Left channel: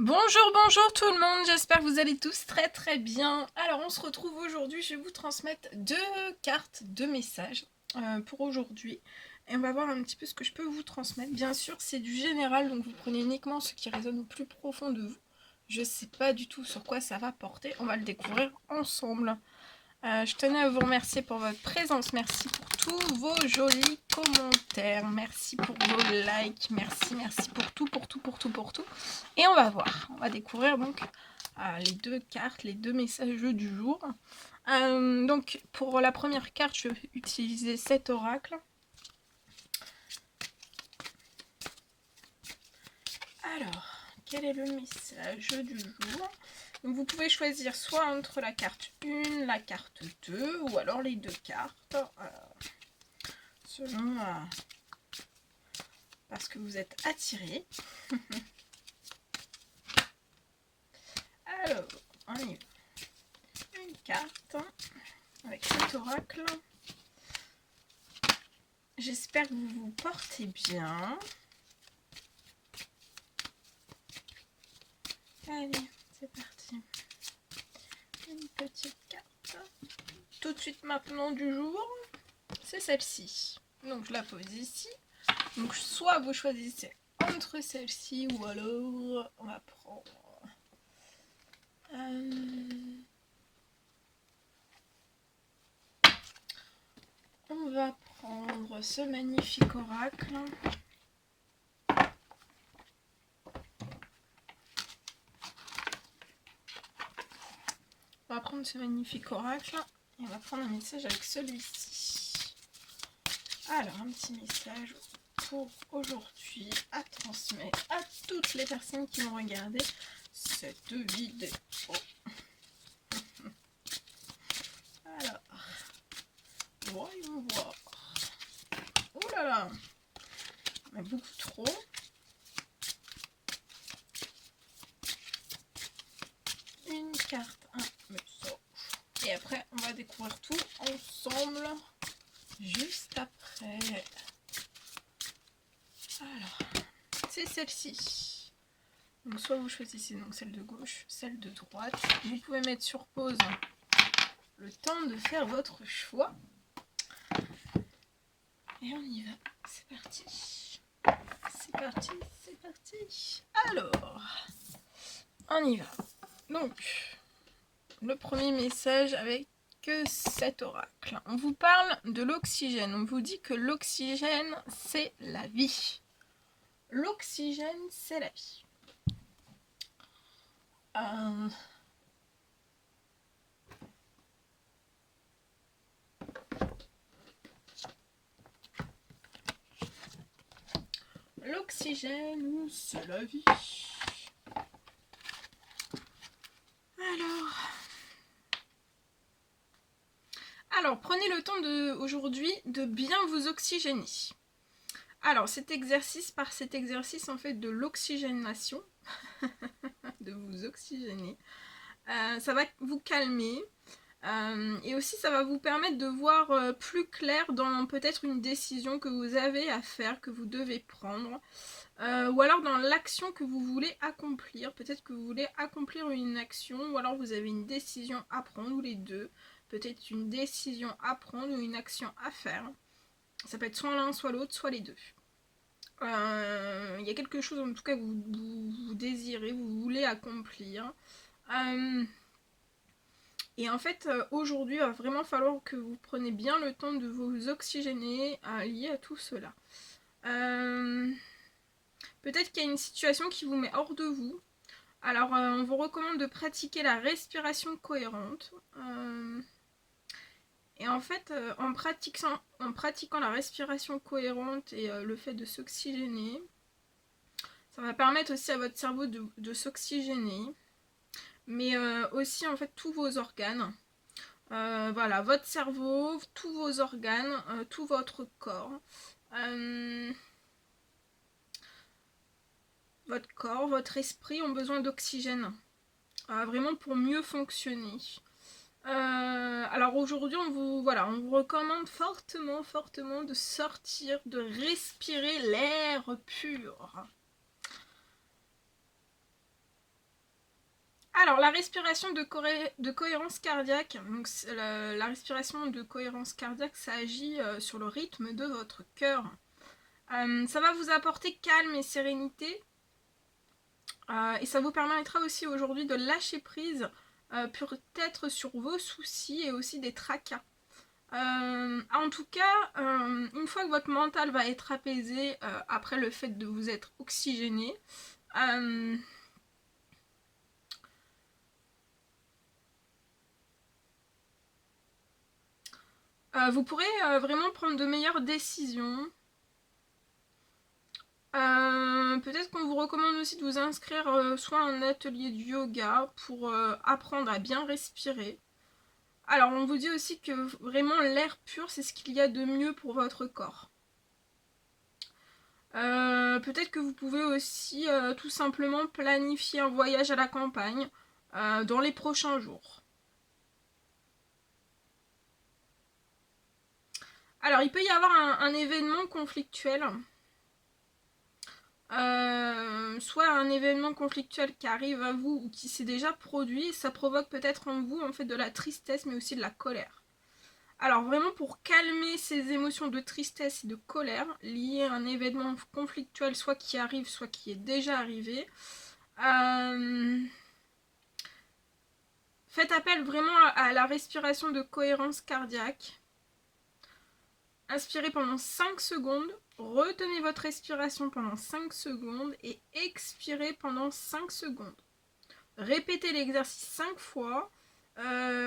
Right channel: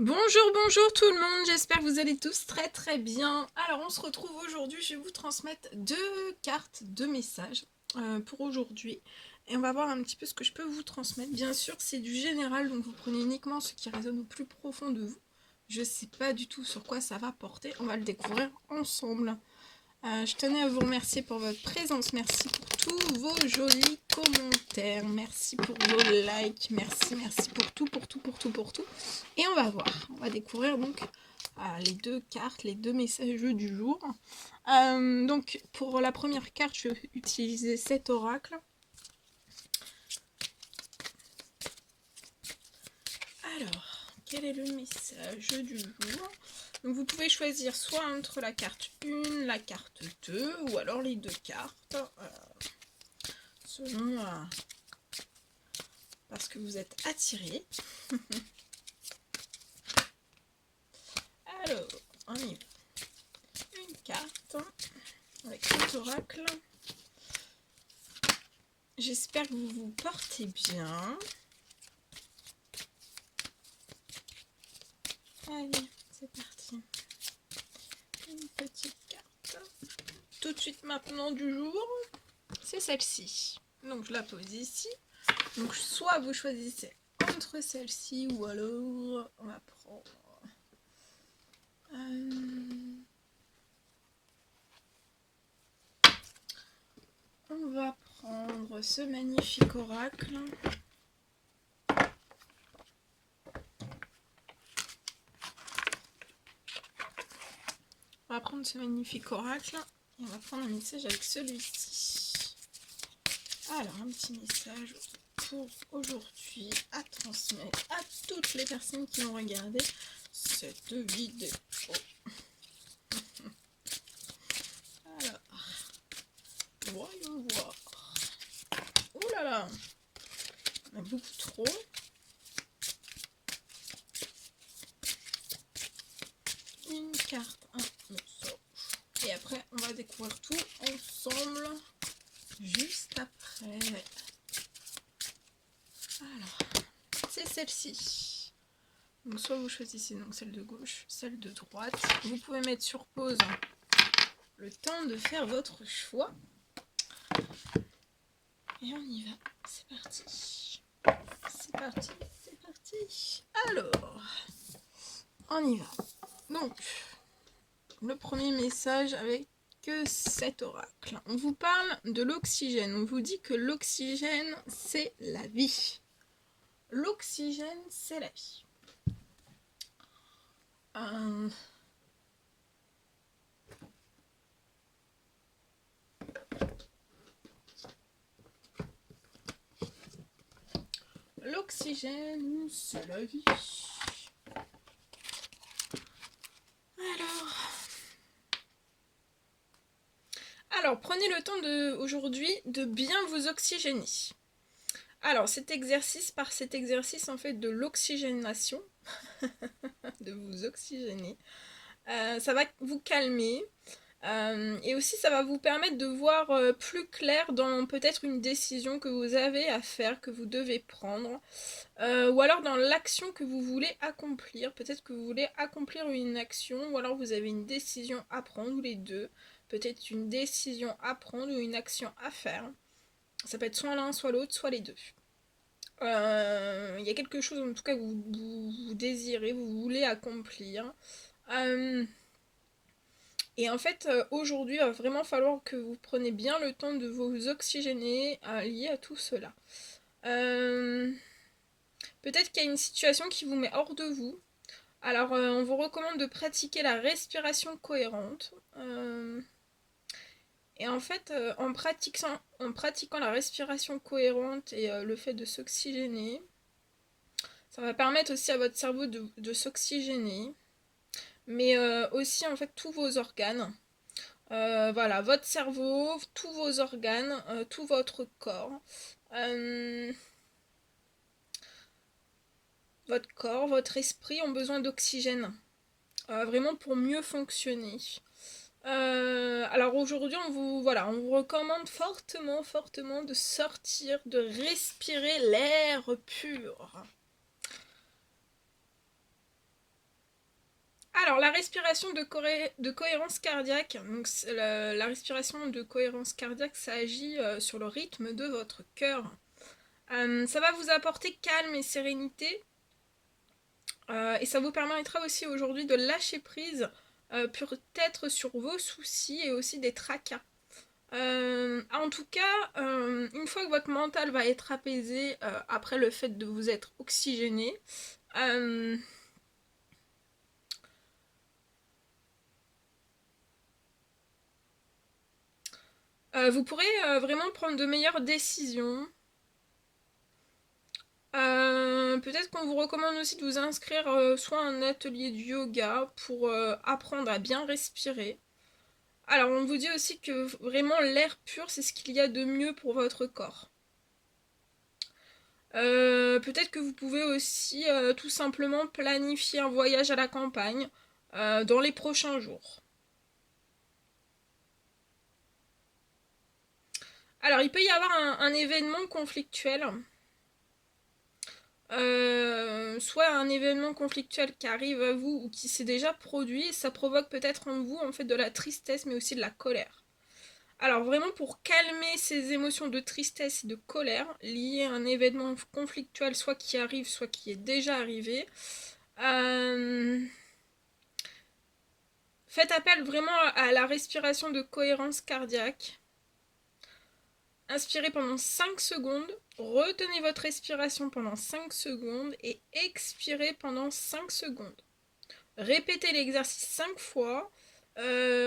Bonjour tout le monde, j'espère que vous allez tous très bien. Alors on se retrouve aujourd'hui, je vais vous transmettre deux cartes, deux messages pour aujourd'hui. Et on va voir un petit peu ce que je peux vous transmettre. Bien sûr c'est du général, donc vous prenez uniquement ce qui résonne au plus profond de vous. Je ne sais pas du tout sur quoi ça va porter, on va le découvrir ensemble. Je tenais à vous remercier pour votre présence, merci pour tous vos jolis commentaires, merci pour vos likes, merci pour tout. Et on va voir, on va découvrir donc les deux cartes, les deux messages du jour. Donc pour la première carte, je vais utiliser cet oracle. Alors, quel est le message du jour? Donc vous pouvez choisir soit entre la carte 1, la carte 2, ou alors les deux cartes, selon parce que vous êtes attiré. Alors, on y va. Une carte avec cet oracle. J'espère que vous vous portez bien. Allez, c'est parti. Une petite carte. Tout de suite maintenant du jour, c'est celle-ci. Donc je la pose ici. Donc soit vous choisissez entre celle-ci ou alors on va prendre... on va prendre ce magnifique oracle. On va prendre ce magnifique oracle et on va prendre un message avec celui-ci. Alors, un petit message pour aujourd'hui à transmettre à toutes les personnes qui vont regarder cette vidéo. Alors, voyons voir. Oh là là, on a beaucoup trop. Une carte, un message. Et après, on va découvrir tout ensemble juste après. Alors, c'est celle-ci. Donc soit vous choisissez donc celle de gauche, celle de droite. Vous pouvez mettre sur pause le temps de faire votre choix. Et on y va. C'est parti. C'est parti, c'est parti. Alors, on y va. Donc, le premier message avec cet oracle. On vous parle de l'oxygène. On vous dit que l'oxygène, c'est la vie. L'oxygène, c'est la vie. L'oxygène, c'est la vie. Alors, prenez le temps aujourd'hui de bien vous oxygéner. Alors, cet exercice en fait de l'oxygénation, de vous oxygéner, ça va vous calmer. Et aussi ça va vous permettre de voir plus clair dans peut-être une décision que vous avez à faire, que vous devez prendre, ou alors dans l'action que vous voulez accomplir. Peut-être que vous voulez accomplir une action, ou alors vous avez une décision à prendre, ou les deux. Peut-être une décision à prendre ou une action à faire. Ça peut être soit l'un, soit l'autre, soit les deux. Il y a quelque chose en tout cas que vous désirez, vous voulez accomplir. Et en fait, aujourd'hui, il va vraiment falloir que vous preniez bien le temps de vous oxygéner lié à tout cela. Peut-être qu'il y a une situation qui vous met hors de vous. Alors, on vous recommande de pratiquer la respiration cohérente. Et en fait, en pratiquant la respiration cohérente et le fait de s'oxygéner, ça va permettre aussi à votre cerveau de s'oxygéner. Mais aussi, en fait, tous vos organes. Voilà, votre cerveau, tous vos organes, tout votre corps. Votre corps, votre esprit ont besoin d'oxygène. Vraiment pour mieux fonctionner. Alors aujourd'hui, on vous recommande fortement de sortir, de respirer l'air pur. Alors, la respiration de cohérence cardiaque, donc la respiration de cohérence cardiaque, ça agit sur le rythme de votre cœur. Ça va vous apporter calme et sérénité. Et ça vous permettra aussi aujourd'hui de lâcher prise, peut-être sur vos soucis et aussi des tracas. En tout cas, une fois que votre mental va être apaisé après le fait de vous être oxygéné, vous pourrez vraiment prendre de meilleures décisions. Peut-être qu'on vous recommande aussi de vous inscrire soit à un atelier de yoga pour apprendre à bien respirer. Alors on vous dit aussi que vraiment l'air pur c'est ce qu'il y a de mieux pour votre corps. Peut-être que vous pouvez aussi tout simplement planifier un voyage à la campagne dans les prochains jours. Alors il peut y avoir un événement conflictuel. Soit un événement conflictuel qui arrive à vous ou qui s'est déjà produit, ça provoque peut-être en vous en fait de la tristesse mais aussi de la colère. Alors vraiment pour calmer ces émotions de tristesse et de colère liées à un événement conflictuel soit qui arrive soit qui est déjà arrivé, faites appel vraiment à la respiration de cohérence cardiaque. Inspirez pendant 5 secondes, retenez votre respiration pendant 5 secondes et expirez pendant 5 secondes. Répétez l'exercice 5 fois.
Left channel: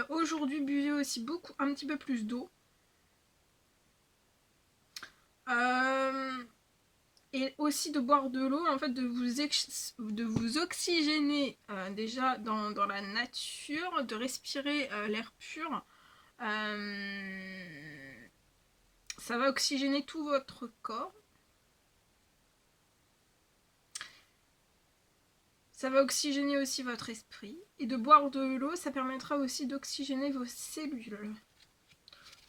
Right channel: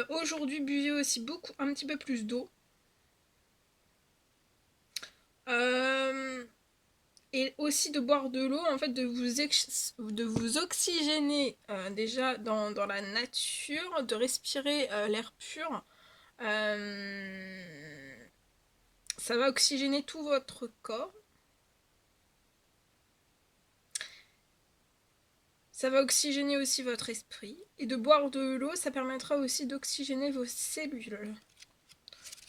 Aujourd'hui, buvez aussi un petit peu plus d'eau. Et aussi de boire de l'eau, en fait, de vous oxygéner déjà dans la nature, de respirer l'air pur. Ça va oxygéner tout votre corps. Ça va oxygéner aussi votre esprit. Et de boire de l'eau, ça permettra aussi d'oxygéner vos cellules.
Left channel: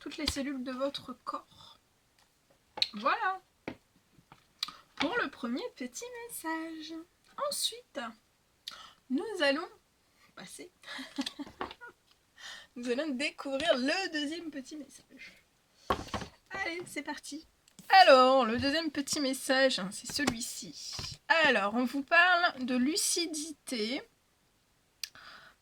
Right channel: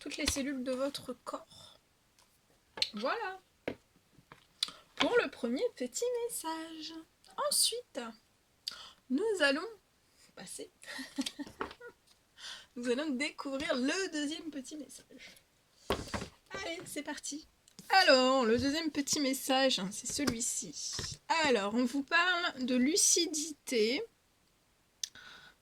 Toutes les cellules de votre corps. Voilà. Pour le premier petit message. Ensuite, nous allons passer. Nous allons découvrir le deuxième petit message. Allez, c'est parti. Alors, le deuxième petit message, c'est celui-ci. Alors, on vous parle de lucidité.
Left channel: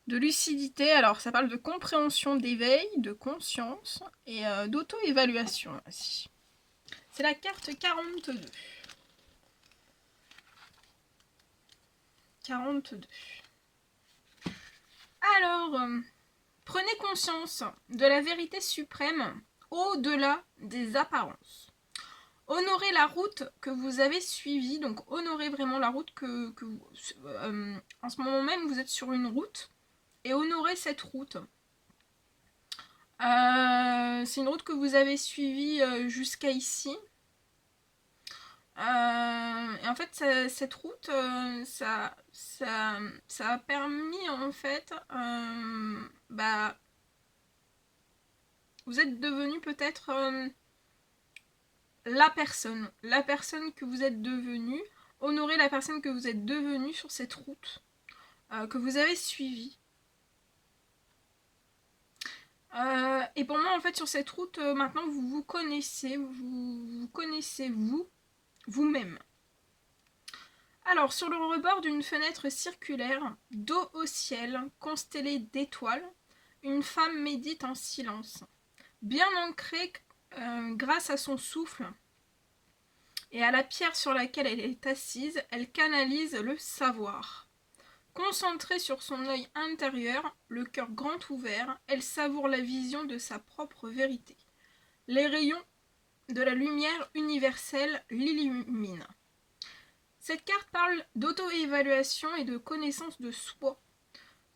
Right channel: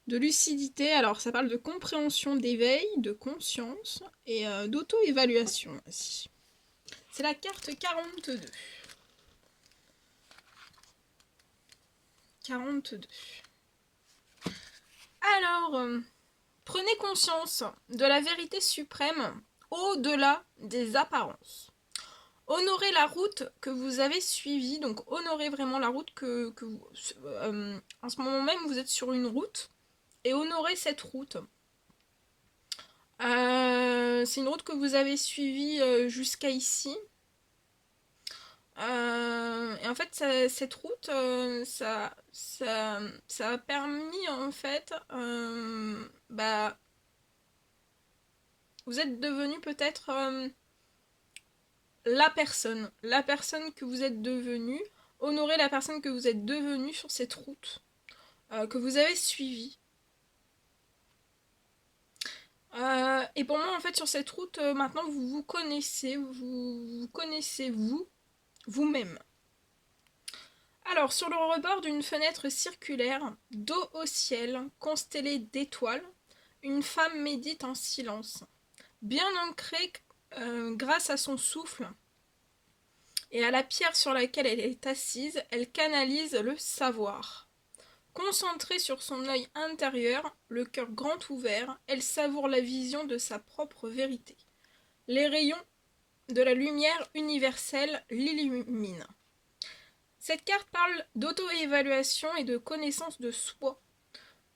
De lucidité, alors ça parle de compréhension d'éveil, de conscience et d'auto-évaluation aussi. C'est la carte 42. 42. Alors, prenez conscience de la vérité suprême au-delà des apparences. Honorez la route que vous avez suivie, donc honorez vraiment la route que vous... en ce moment même, vous êtes sur une route, et honorez cette route. C'est une route que vous avez suivie jusqu'à ici. Et en fait, cette route, ça a permis, en fait, vous êtes devenu peut-être la personne que vous êtes devenu. Honorez la personne que vous êtes devenu sur cette route que vous avez suivie. Et pour moi, en fait, sur cette route, maintenant, vous vous connaissez, vous connaissez vous-même. Alors, sur le rebord d'une fenêtre circulaire, dos au ciel, constellée d'étoiles, une femme médite en silence. Bien ancrée grâce à son souffle et à la pierre sur laquelle elle est assise, elle canalise le savoir. Concentrée sur son œil intérieur, le cœur grand ouvert, elle savoure la vision de sa propre vérité. Les rayons de la lumière universelle l'illuminent. Cette carte parle d'auto-évaluation et de connaissance de soi.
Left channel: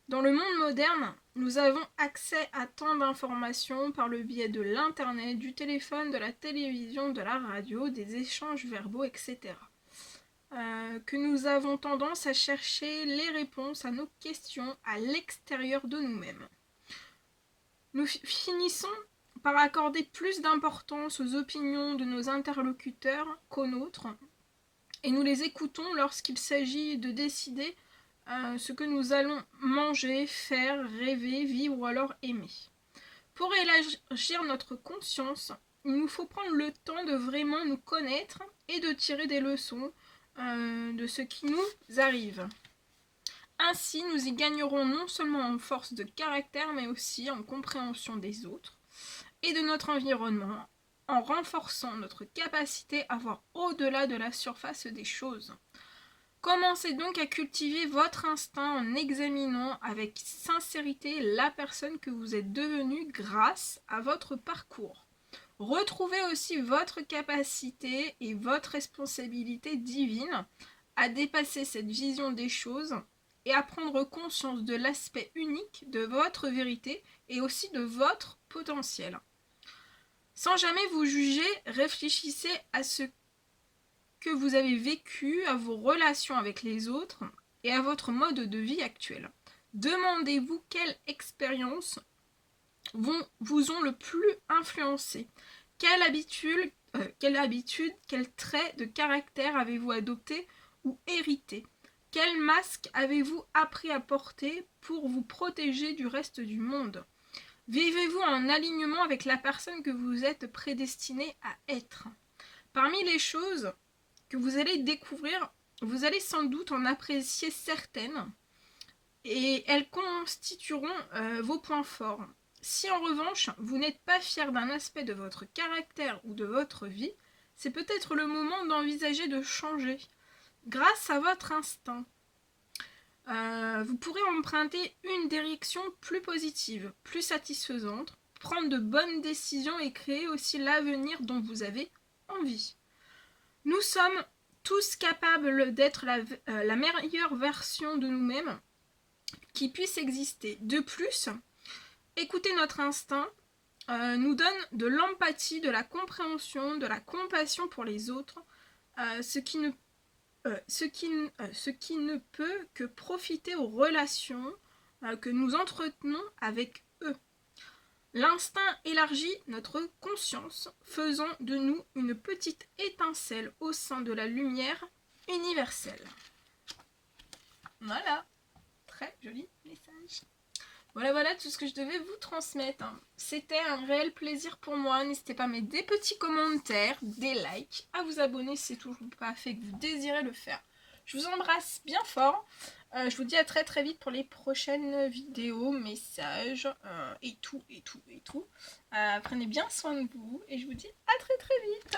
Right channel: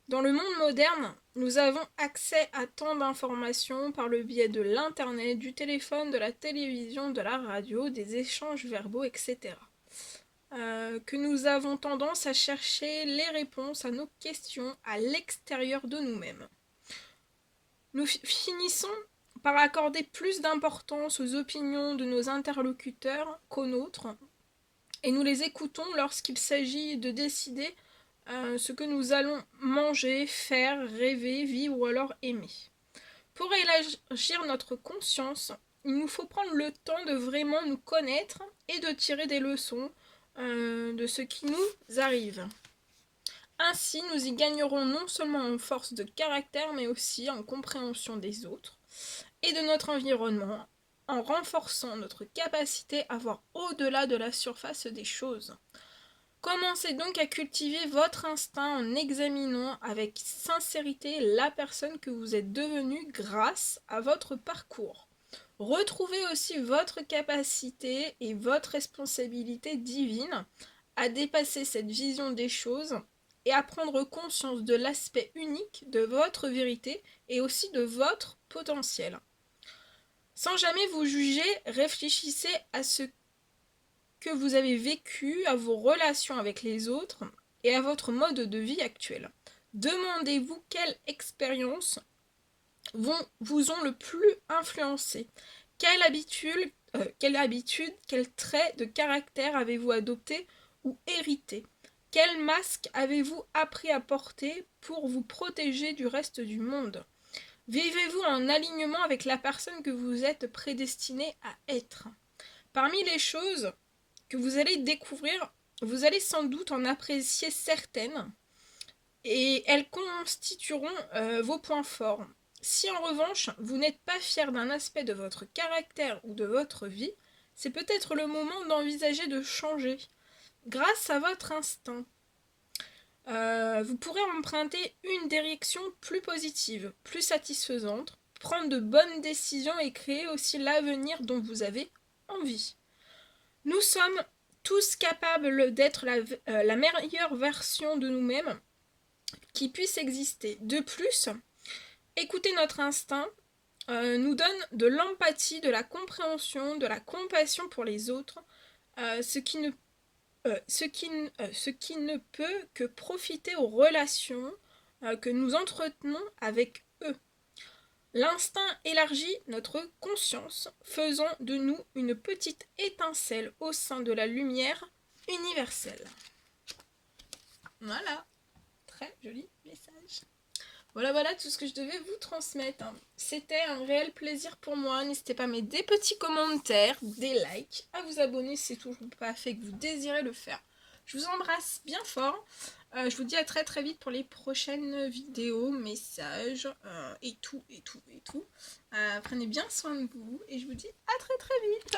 Dans le monde moderne, nous avons accès à tant d'informations par le biais de l'internet, du téléphone, de la télévision, de la radio, des échanges verbaux, etc. Que nous avons tendance à chercher les réponses à nos questions à l'extérieur de nous-mêmes. Nous finissons par accorder plus d'importance aux opinions de nos interlocuteurs qu'aux nôtres, et nous les écoutons lorsqu'il s'agit de décider ce que nous allons manger, faire, rêver, vivre ou alors aimer. Pour élargir notre conscience, il nous faut prendre le temps de vraiment nous connaître et de tirer des leçons de ce qui nous arrive. Ainsi, nous y gagnerons non seulement en force de caractère, mais aussi en compréhension des autres et de notre environnement, en renforçant notre capacité à voir au-delà de la surface des choses. Commencez donc à cultiver votre instinct en examinant avec sincérité la personne que vous êtes devenue grâce à votre parcours. Retrouvez aussi votre capacité et votre responsabilité divine à dépasser cette vision des choses et à prendre conscience de l'aspect unique de votre vérité et aussi de votre potentiel. Sans jamais vous juger, réfléchissez à ce que vous avez vécu, à vos relations avec les autres et à votre mode de vie actuel. Demandez-vous quelles expériences vous ont le plus influencé. Quelle habitude, quel trait de caractère avez-vous adopté ou hérité? Quel masque avez-vous appris à porter pour vous protéger du reste du monde? Vivez-vous en alignement avec la personne que vous êtes prédestiné à être? Parmi les choses que vous allez découvrir, vous allez sans doute en apprécier certaines et elles constitueront vos points forts. Si en revanche, vous n'êtes pas fier d'un aspect de votre caractère ou de votre vie, c'est peut-être le moment d'envisager de changer. Grâce à votre instinct, vous pourrez emprunter une direction plus positive, plus satisfaisante, prendre de bonnes décisions et créer aussi l'avenir dont vous avez envie. Nous sommes tous capables d'être la meilleure version de nous-mêmes qui puisse exister. De plus, écouter notre instinct nous donne de l'empathie, de la compréhension, de la compassion pour les autres, ce qui ne peut que profiter aux relations que nous entretenons avec eux. L'instinct élargit notre conscience, faisant de nous une petite étincelle au sein de la lumière universelle. Voilà, très joli message. Voilà tout ce que je devais vous transmettre. C'était un réel plaisir pour moi. N'hésitez pas à mettre des petits commentaires, des likes, à vous abonner si c'est toujours pas fait, que vous désirez le faire. Je vous embrasse bien fort. Je vous dis à très très vite pour les prochaines vidéos, messages et tout. Prenez bien soin de vous et je vous dis à très très vite.